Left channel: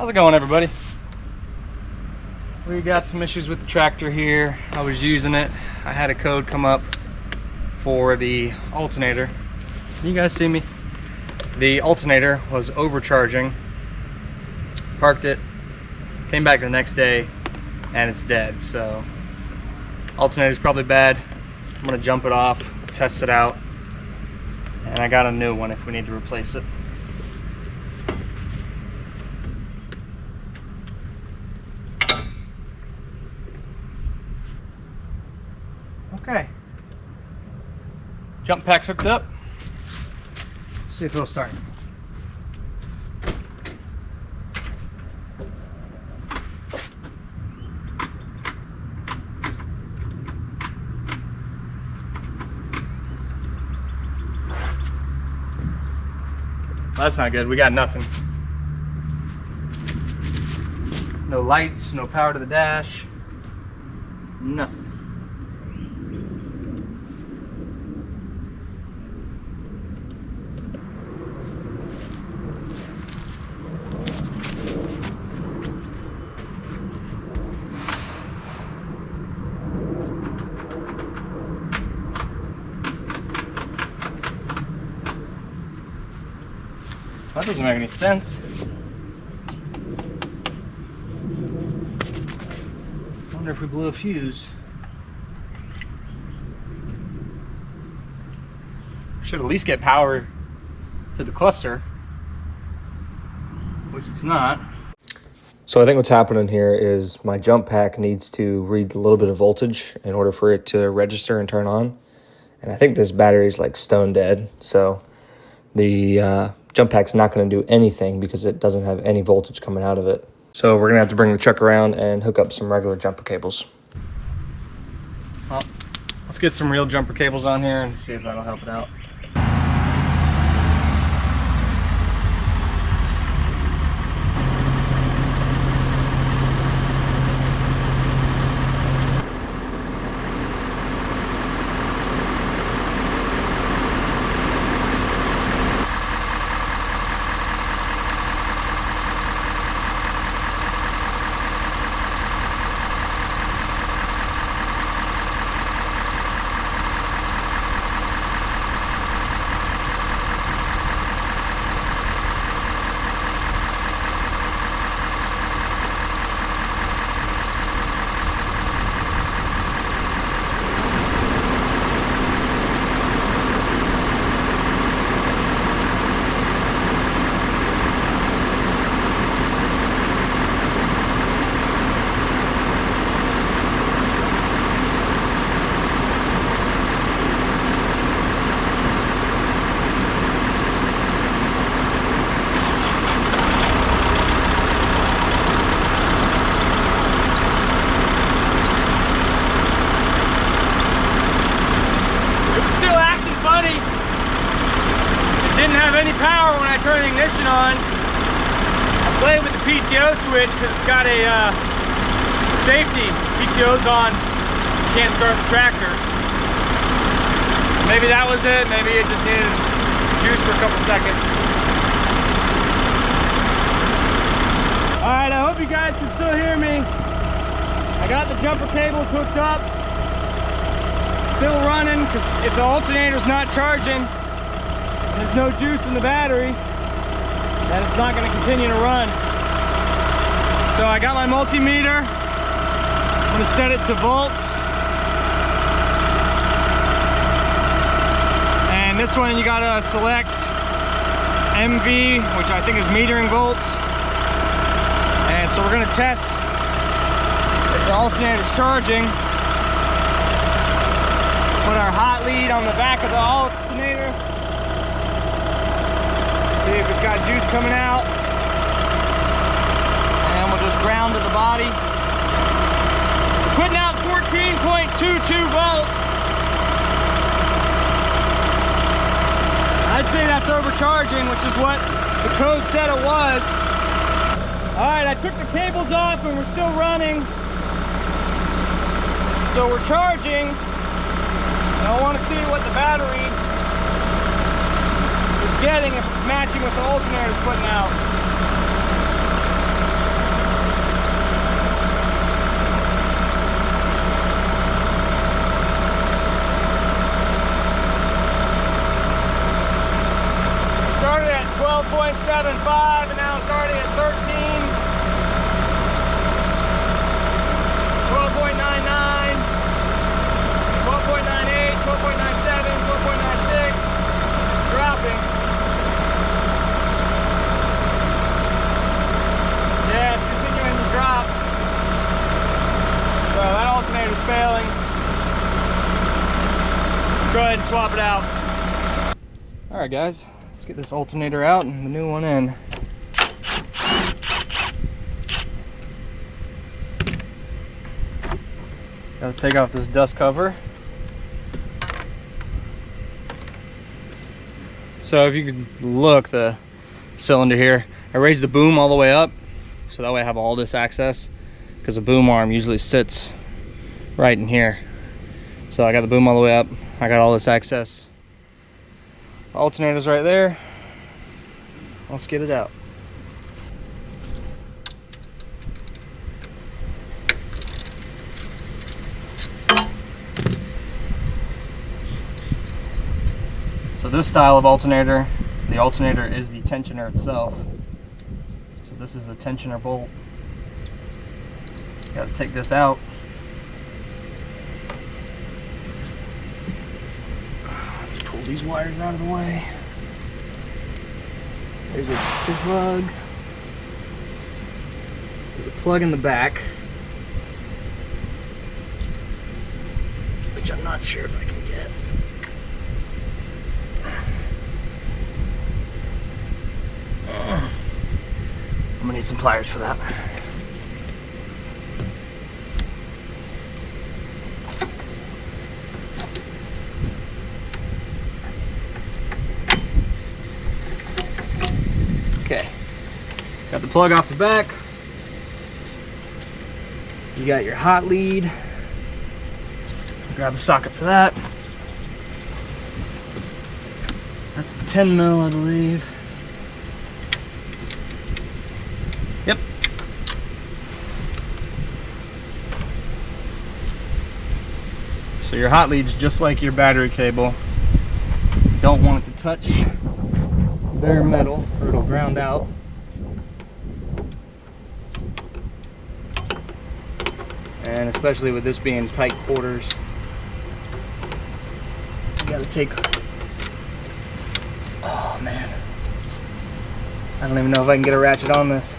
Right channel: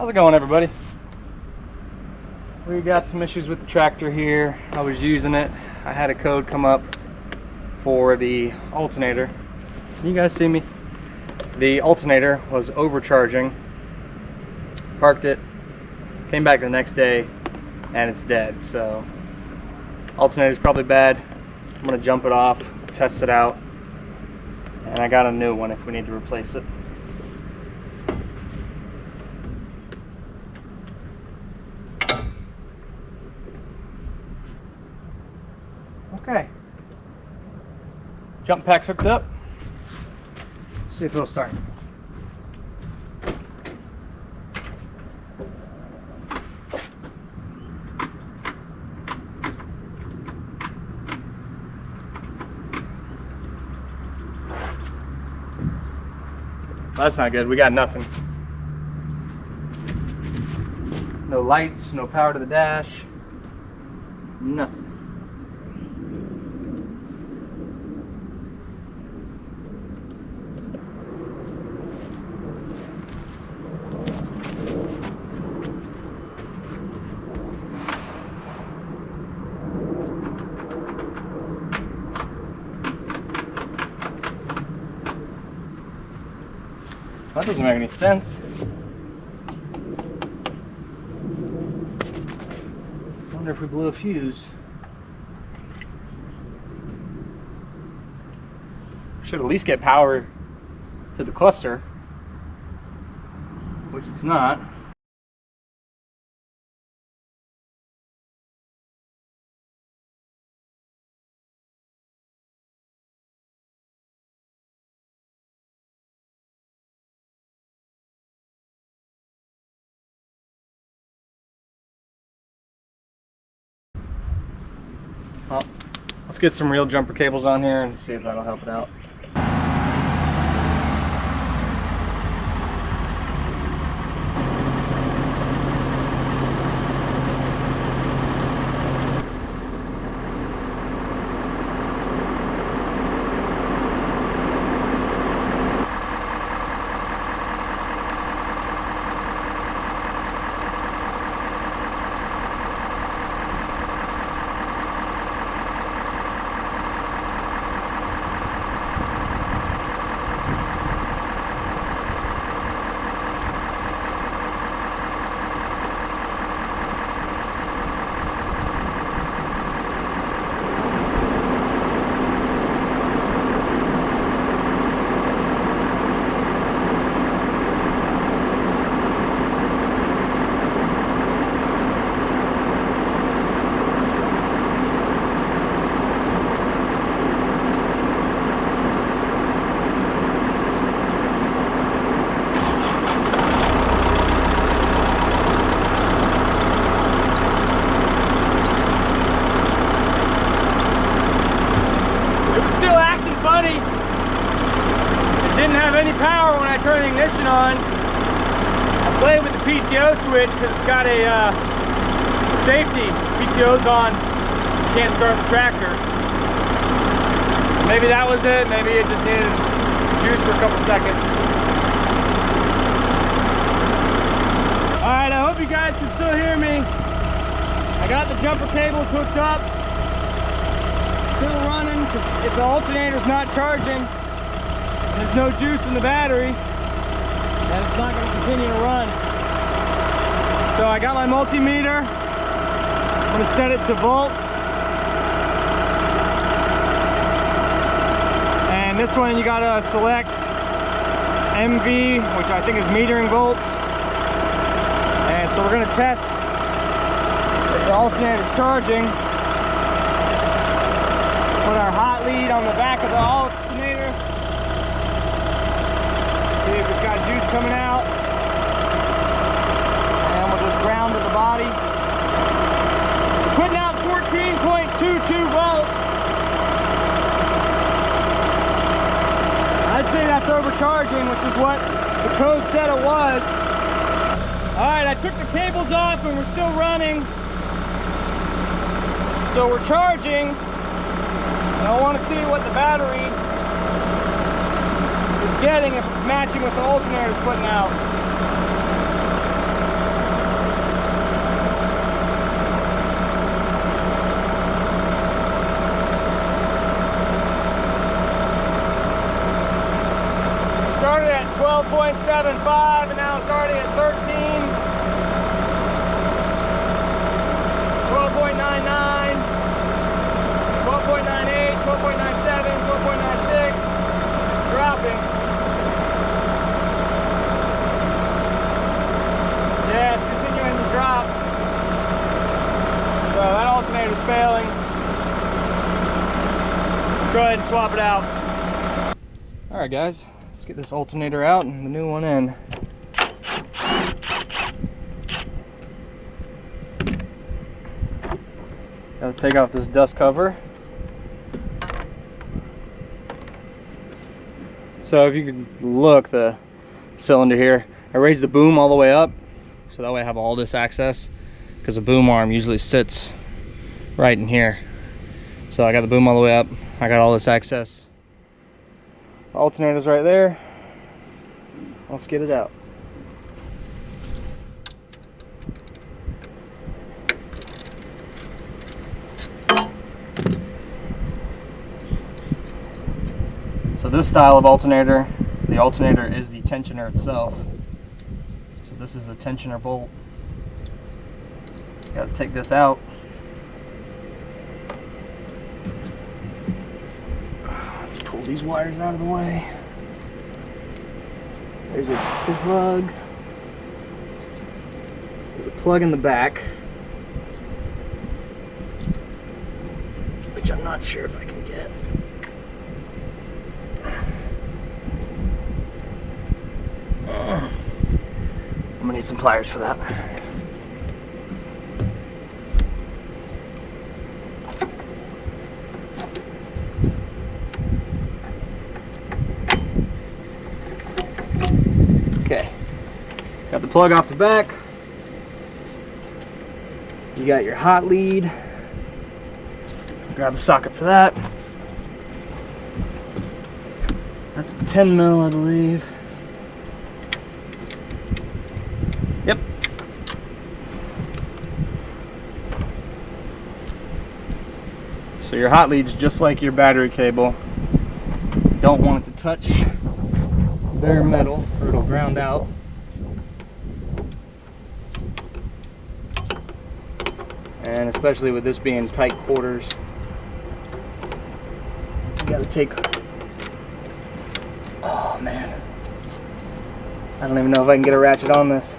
How's it going, everybody? We got some issues with the tractor here. I was using it. I had a code come up for the alternator. Can you guys see me? The alternator was overcharging. Parked it, came back the next day, and it's dead. So alternator's probably bad. I'm gonna jump it off, test it out, and I got a new one if we need to replace it. Okay, jump pack's hooked up. See if it'll start. That's not good. We got nothing. No lights, no power to the dash, nothing. That doesn't make any sense. I wonder if we blew a fuse. Should at least get power to the cluster, which it's not. So I think what's happening here is my jump pack needs to read a little bit of voltage in order for it to register and turn on. And I think this battery is like stone dead. So the jump pack's not going to do anything because it doesn't have any voltage coming out of it. So we're going to have to bring the truck around and hook up some regular jumper cables. Well, let's get some real jumper cables on here and see if that'll help it out. Didn't have any power when I turned the ignition on. I played with the PTO switch because it's got a safety. PTO's on, you can't start the tractor. Maybe that was it. Maybe it just needed juice for a couple seconds. All right, I hope you guys can still hear me. I got the jumper cables hooked up. Still running because if the alternator's not charging, there's no juice in the battery, then it's not going to continue to run. So I got my multimeter. I'm going to set it to volts. And this one you got to select MV, which I think is metering volts. And so we're going to test if the alternator is charging. Put our hot lead on the back of the alternator. See if it's got juice coming out, and we'll just ground to the body. Putting out 14.22 volts. I'd say that's overcharging, which is what the code said it was. All right, I took the cables off and we're still running. So we're charging. And I want to see what the battery getting if it's matching what the alternator is putting out. and swap it out. All right, guys, let's get this alternator out and the new one in. Gotta take off this dust cover. So if you can look, the cylinder here, I raised the boom all the way up so that way I have all this access, because the boom arm usually sits right in here. So I got the boom all the way up, I got all this access. Alternator's right there. Let's get it out. So this style of alternator, the alternator is the tensioner itself. So this is the tensioner bolt. Got to take this out. Let's pull these wires out of the way. There's a plug. There's a plug in the back, which I'm not sure if I can get. I'm gonna need some pliers for that. Okay, got the plug off the back. You got your hot lead. Grab a socket for that. That's a 10 mil, I believe. Yep. So your hot lead's just like your battery cable. You don't want it to touch bare metal or it'll ground out. And especially with this being tight quarters, you gotta take, oh man, I don't even know if I can get a ratchet on this.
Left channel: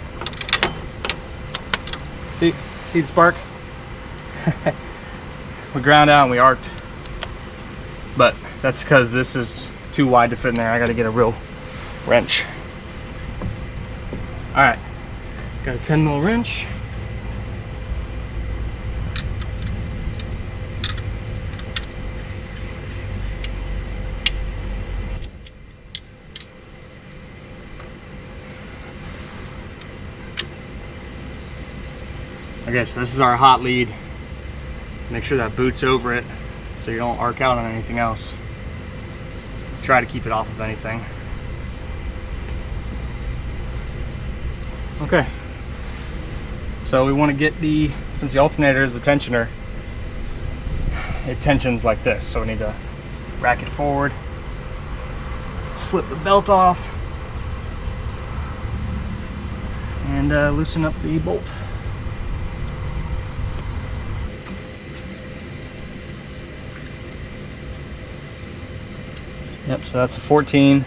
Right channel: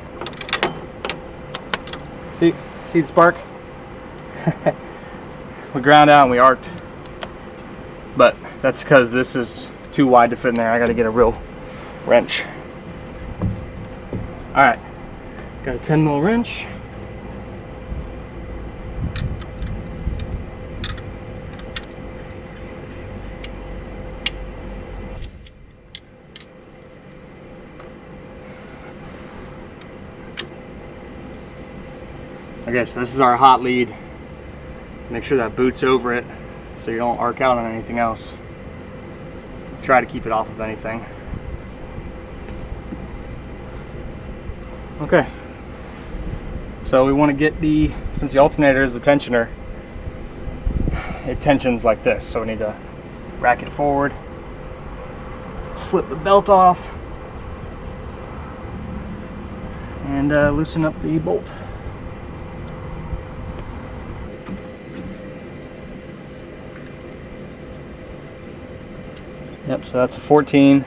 See the spark? We ground out and we arced, but that's because this is too wide to fit in there. I gotta get a real wrench. All right, got a 10 mil wrench. Okay, so this is our hot lead. Make sure that boots over it so you don't arc out on anything else. Try to keep it off of anything. Okay, so we want to get since the alternator is the tensioner, it tensions like this, so we need to rack it forward, slip the belt off, and loosen up the bolt. Yep, so that's a 14.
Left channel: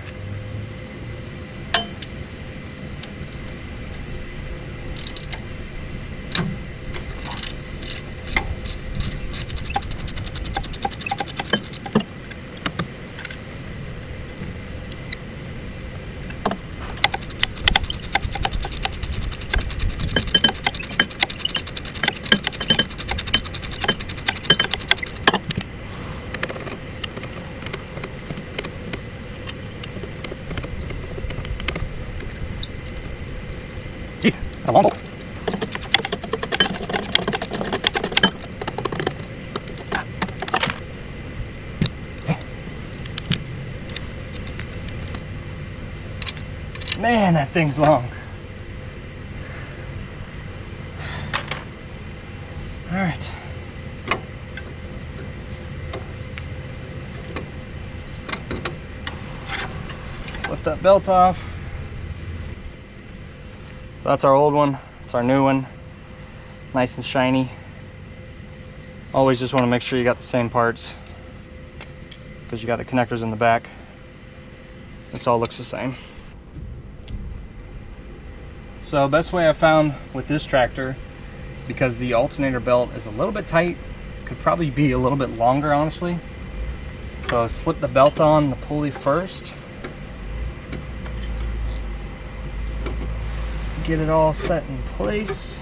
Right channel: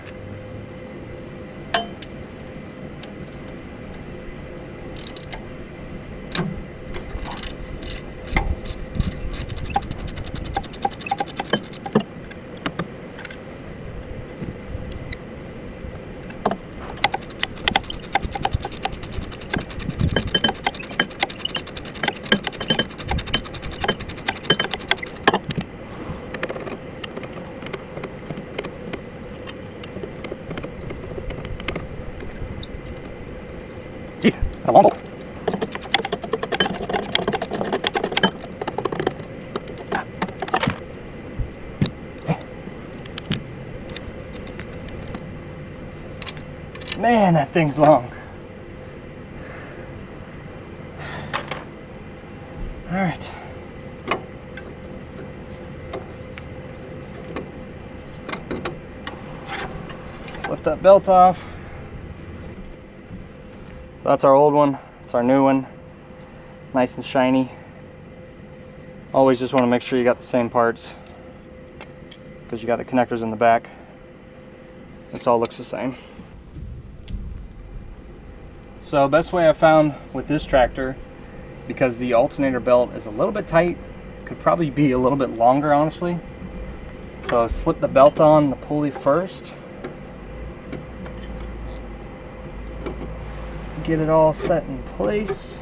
Jeez, that's a long bolt. Man, that thing's long. All right. Slip that belt off. So that's our old one, it's our new one, nice and shiny. Always just want to make sure you got the same parts because you got the connectors in the back. This all looks the same. So best way I found with this tractor, because the alternator belt is a little bit tight, could probably be a little bit longer honestly. So slip the belt on the pulley first. Get it all set in place.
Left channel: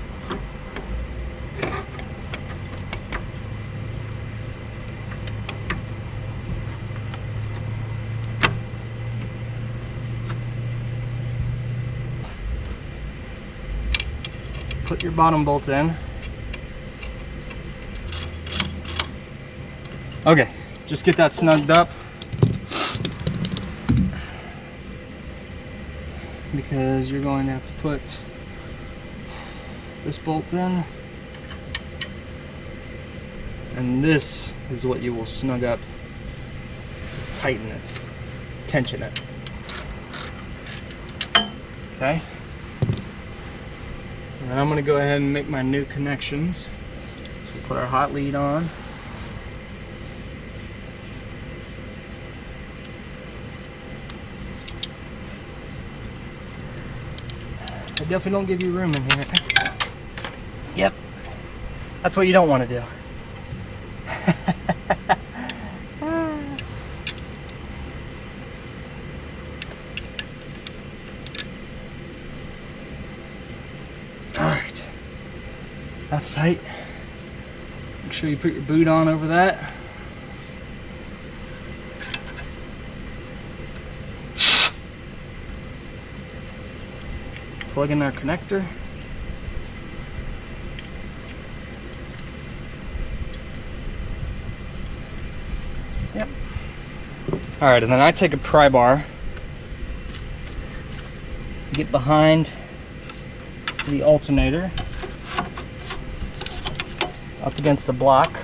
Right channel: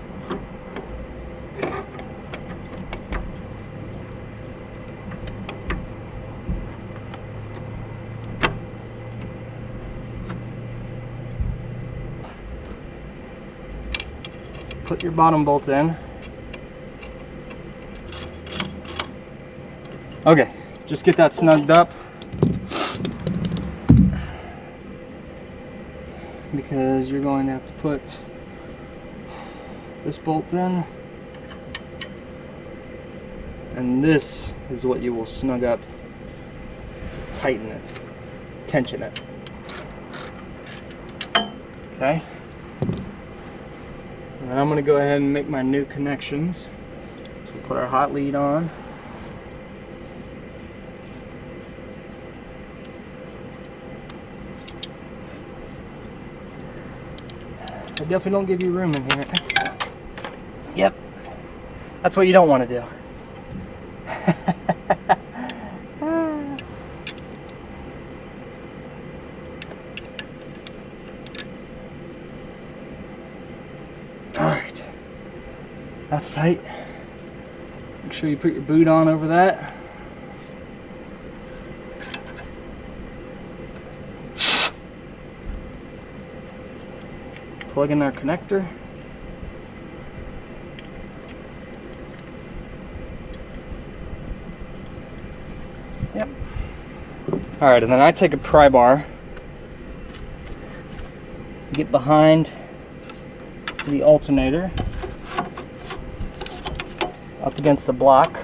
Put your bottom bolt in. Okay, just get that snugged up, because you're going to have to put this bolt in, and this is what you will snug up to tighten it, tension it. Okay, and then I'm going to go ahead and make my new connections. So we'll put our hot lead on. I definitely don't give you room in here. Yep, that's what you don't want to do. All right, that's tight. Make sure you put your boot on over that. Plug in our connector. Yep. All right, and then I take a pry bar, get behind the alternator, up against the block.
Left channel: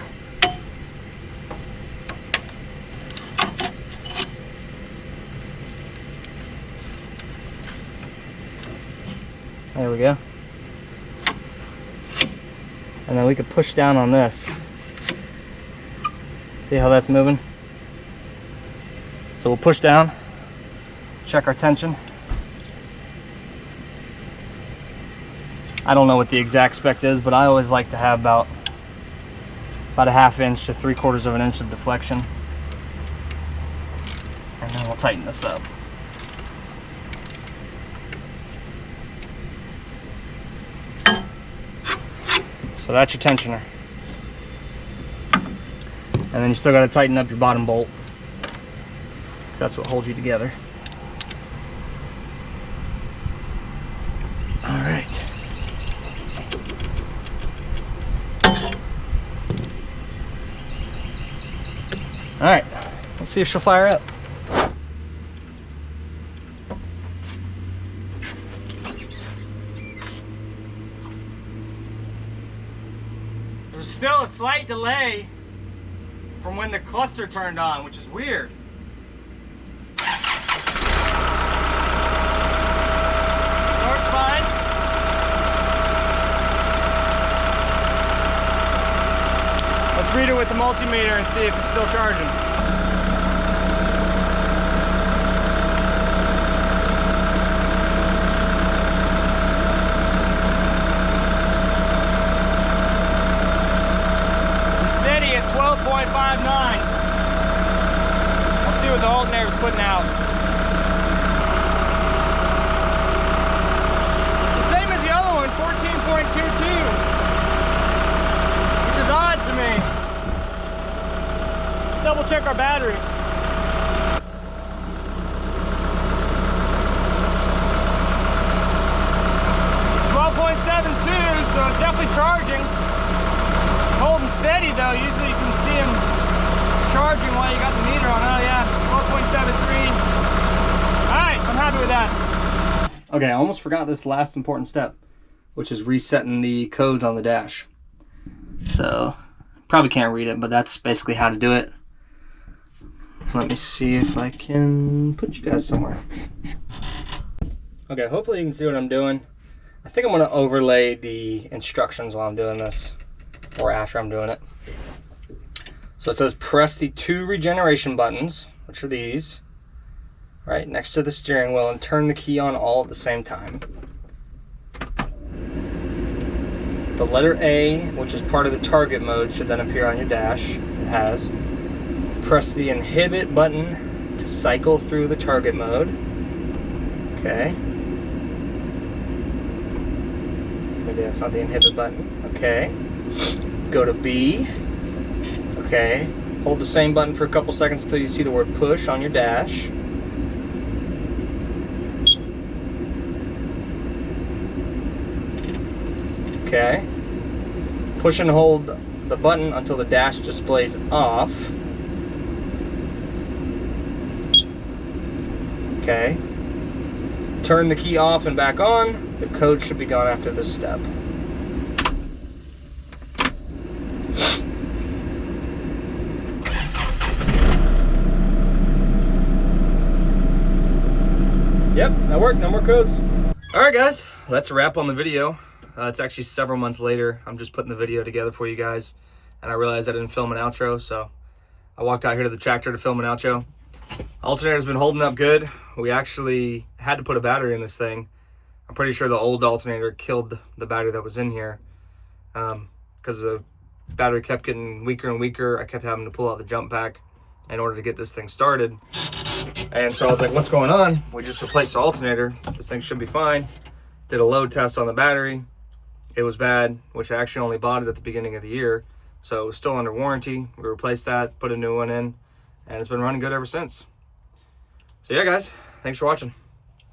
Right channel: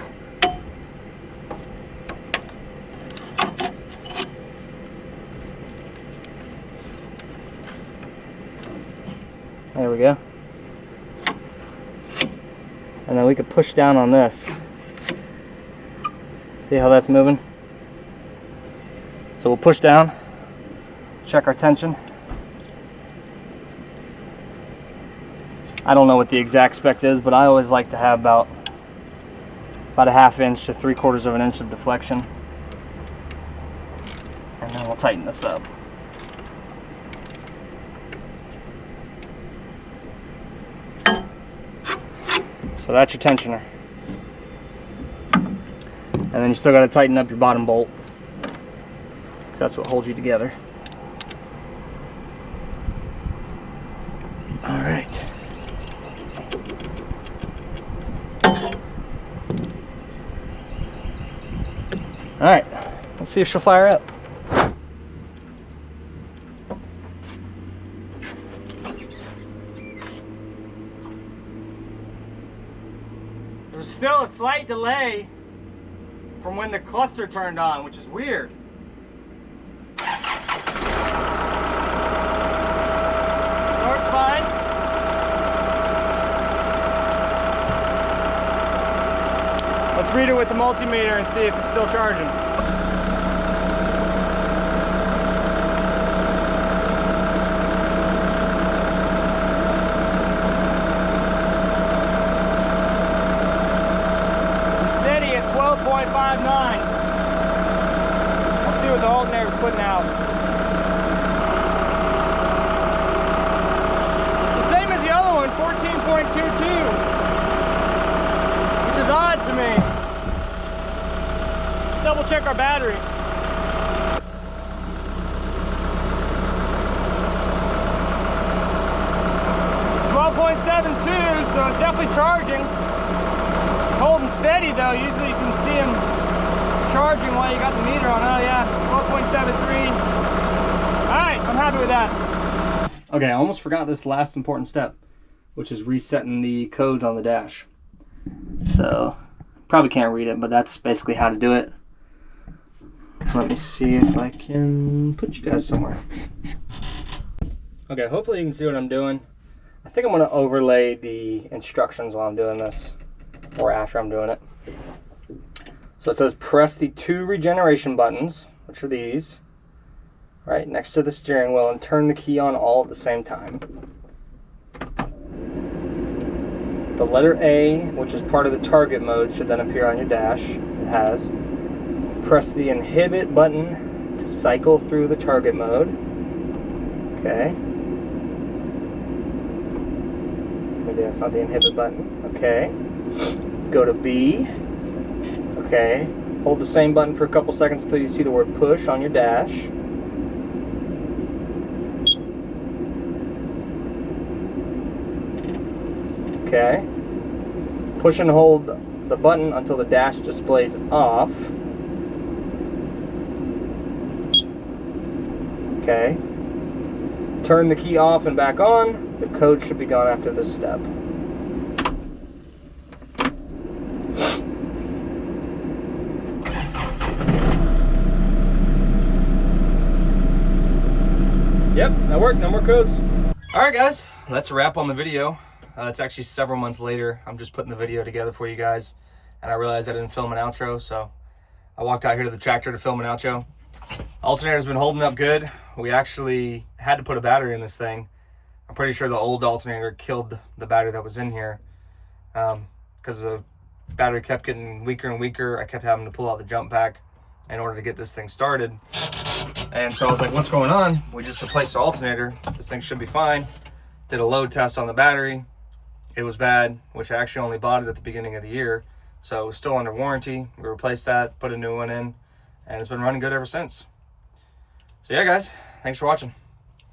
There we go. And then we could push down on this. See how that's moving? So we'll push down, check our tension. I don't know what the exact spec is, but I always like to have about a 1/2 inch to 3/4 of an inch of deflection. And then we'll tighten this up. So that's your tensioner. And then you still got to tighten up your bottom bolt. That's what holds you together. All right. All right, let's see if she'll fire up. There's still a slight delay from when the cluster turned on, which is weird. Starts fine. Let's read it with the multimeter and see if it's still charging. Steady at 12.59. Let's see what the alternator's putting out. It's the same as the other one, 14.22, which is odd to me. Let's double check our battery. 12.72, so it's definitely charging. Holding steady though. Usually you can see them charging while you got the meter on. Oh yeah, 12.73. Alright, I'm happy with that. Okay, I almost forgot this last important step, which is resetting the codes on the dash. So, probably can't read it, but that's basically how to do it. Let me see if I can put you guys somewhere. Okay, hopefully you can see what I'm doing. I think I'm going to overlay the instructions while I'm doing this, or after I'm doing it. So it says press the 2 regeneration buttons, which are these, right next to the steering wheel, and turn the key on all at the same time. The letter A, which is part of the target mode, should then appear on your dash. It has. Press the inhibit button to cycle through the target mode. Okay. Maybe that's not the inhibit button. Okay. Go to B. Okay. Hold the same button for a couple seconds until you see the word push on your dash. Okay. Push and hold the button until the dash displays off. Okay. Turn the key off and back on. The code should be gone after this step. Yep, that worked. No more codes. All right, guys, that's a wrap on the video. It's actually several months later. I'm just putting the video together for you guys, and I realized I didn't film an outro, so I walked out here to the tractor to film an outro. Alternator's been holding up good. We actually had to put a battery in this thing. I'm pretty sure the old alternator killed the battery that was in here because the battery kept getting weaker and weaker. I kept having to pull out the jump pack in order to get this thing started. And so I was like, what's going on? We just replaced the alternator. This thing should be fine. Did a load test on the battery. It was bad, which I actually only bought it at the beginning of the year. So it was still under warranty. We replaced that, put a new one in, and it's been running good ever since. So yeah, guys, thanks for watching.